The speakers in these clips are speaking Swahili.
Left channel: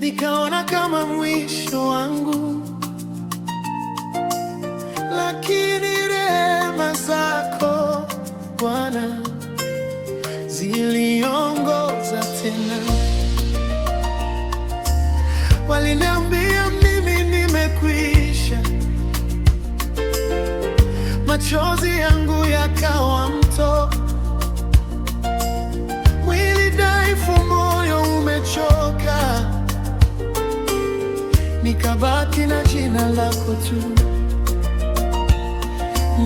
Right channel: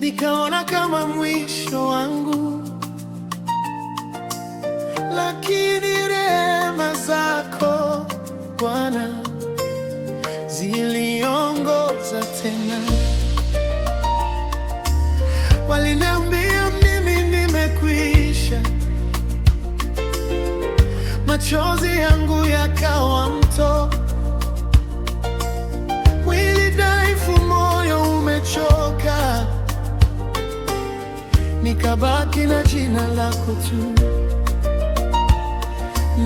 Nikaona kama mwisho wangu, lakini rehema zako Bwana ziliongoza tena. Waliniambia mimi nimekwisha, machozi yangu yakawa mto, mwili dhaifu, moyo umechoka, nikabaki na jina lako tu.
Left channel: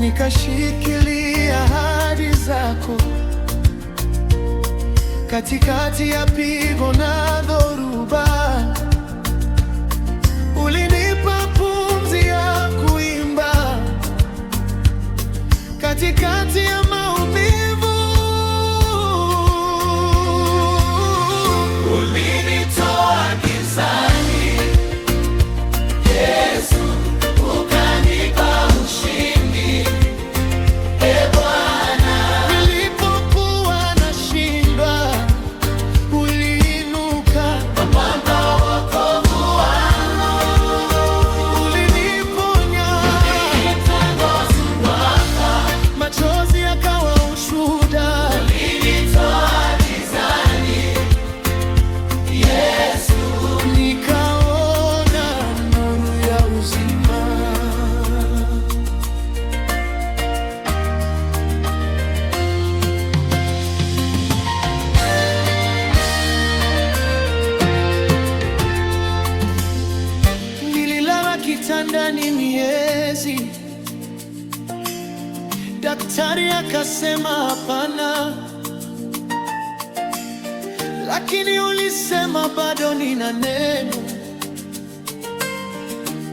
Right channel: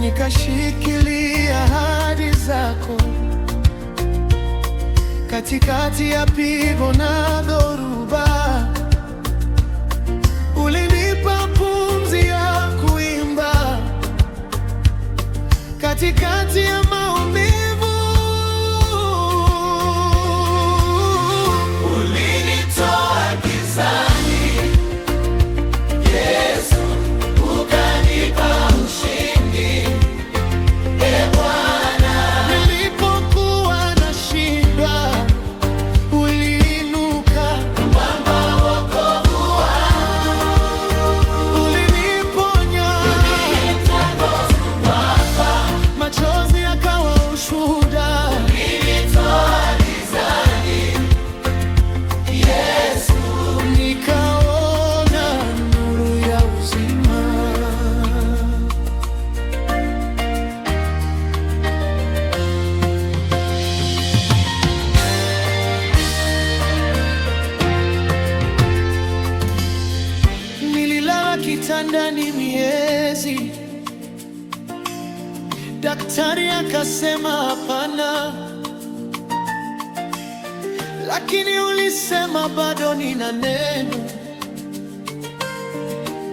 Nikashikilia ahadi zako katikati ya pigo na dhoruba. Ulinipa pumzi ya kuimba katikati ya maumivu. Machozi yakawa ushuhuda, ulinitoa gizani, Yesu, nikaona nuru ya uzima. Nililala kitandani miezi, daktari akasema hapana, lakini ulisema bado nina neno,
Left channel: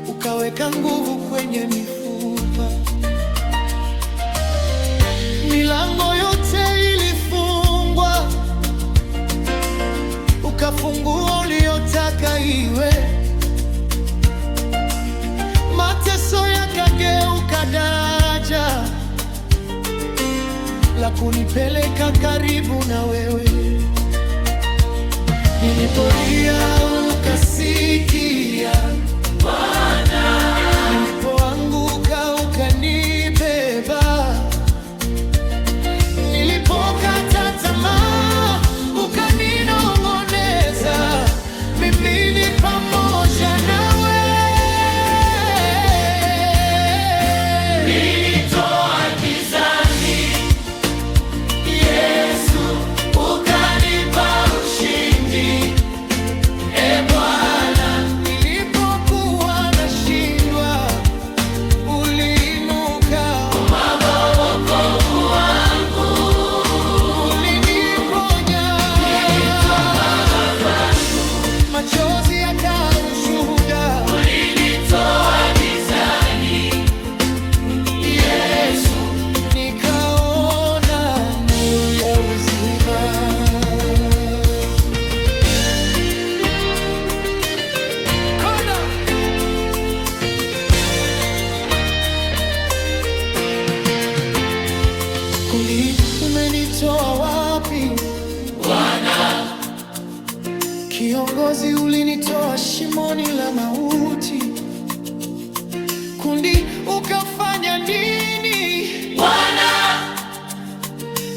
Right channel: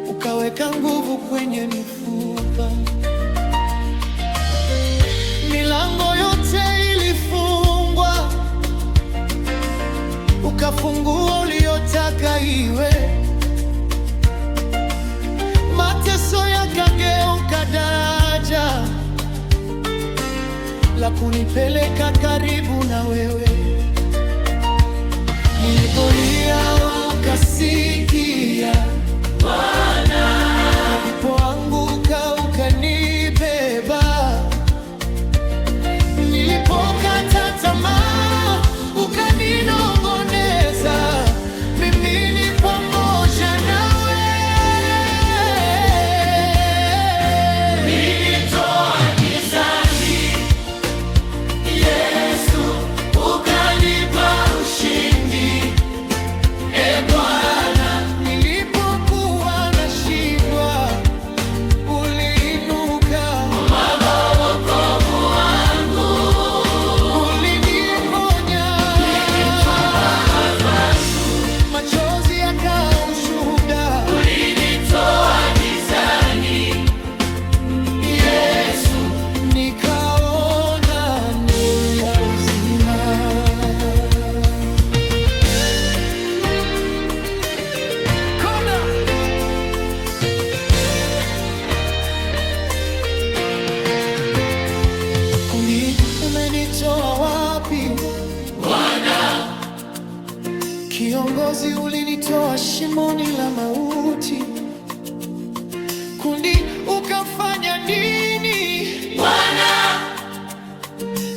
ukaweka nguvu kwenye mifupa. Milango yote ilifungwa, ukafungua uliotaka iwe. Mateso yakageuka daraja la kunipeleka karibu na wewe. Nilipolia ukasikia Bwana, nilipoanguka ukanibeba, nilipokata tamaa ukaninong'oneza, mimi ni pamoja nawe. Machozi yakawa ushuhuda, ulinitoa gizani, Yesu, nikaona nuru ya uzima. Kona kundi, umenitoa wapi Bwana? Kiongozi, ulinitoa shimoni la mauti. Kundi, ukafanya nini Bwana?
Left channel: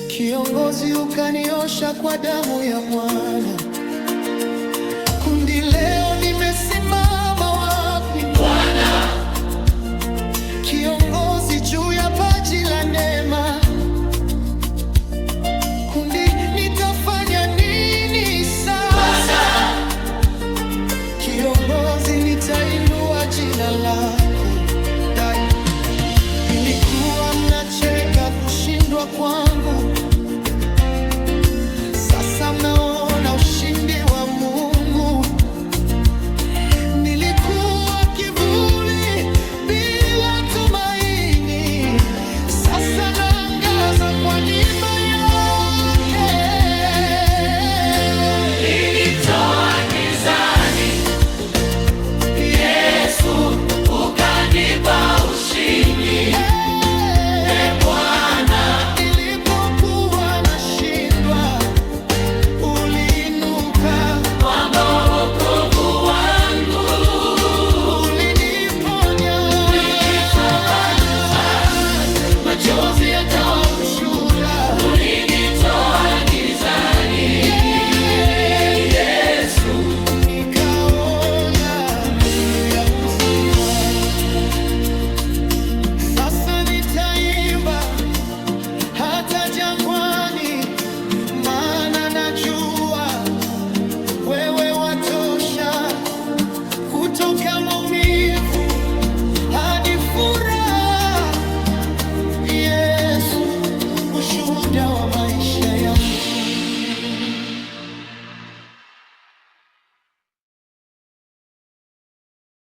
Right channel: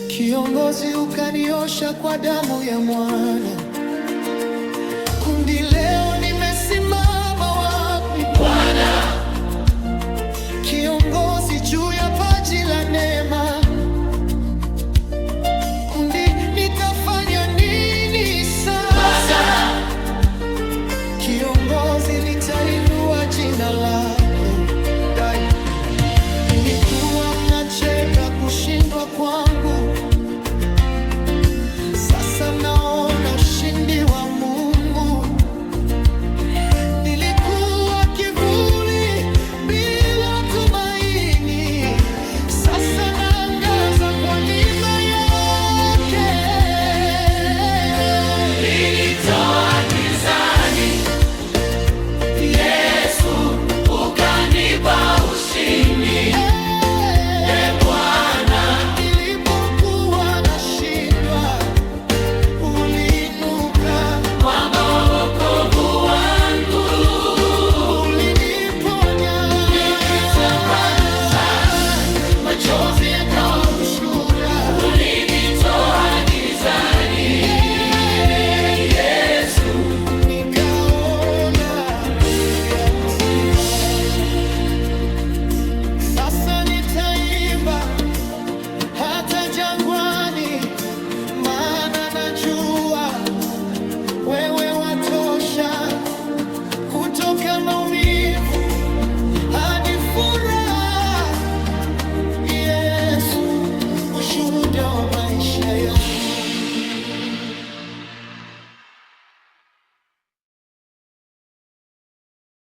Kiongozi, ukaniosha kwa damu ya mwana. Kundi, leo nimesimama wapi Bwana? Kiongozi, juu ya paji la neema. Kundi, nitafanya nini sasa? Kiongozi, nitainua jina lako. Nilikuwa mnacheka kushindwa kwangu, sasa mnaona ushindi wa Mungu. Nilikuwa kivuli kutoka maumivu hadi furaha. Yesu, ushuhuda wa maisha yangu.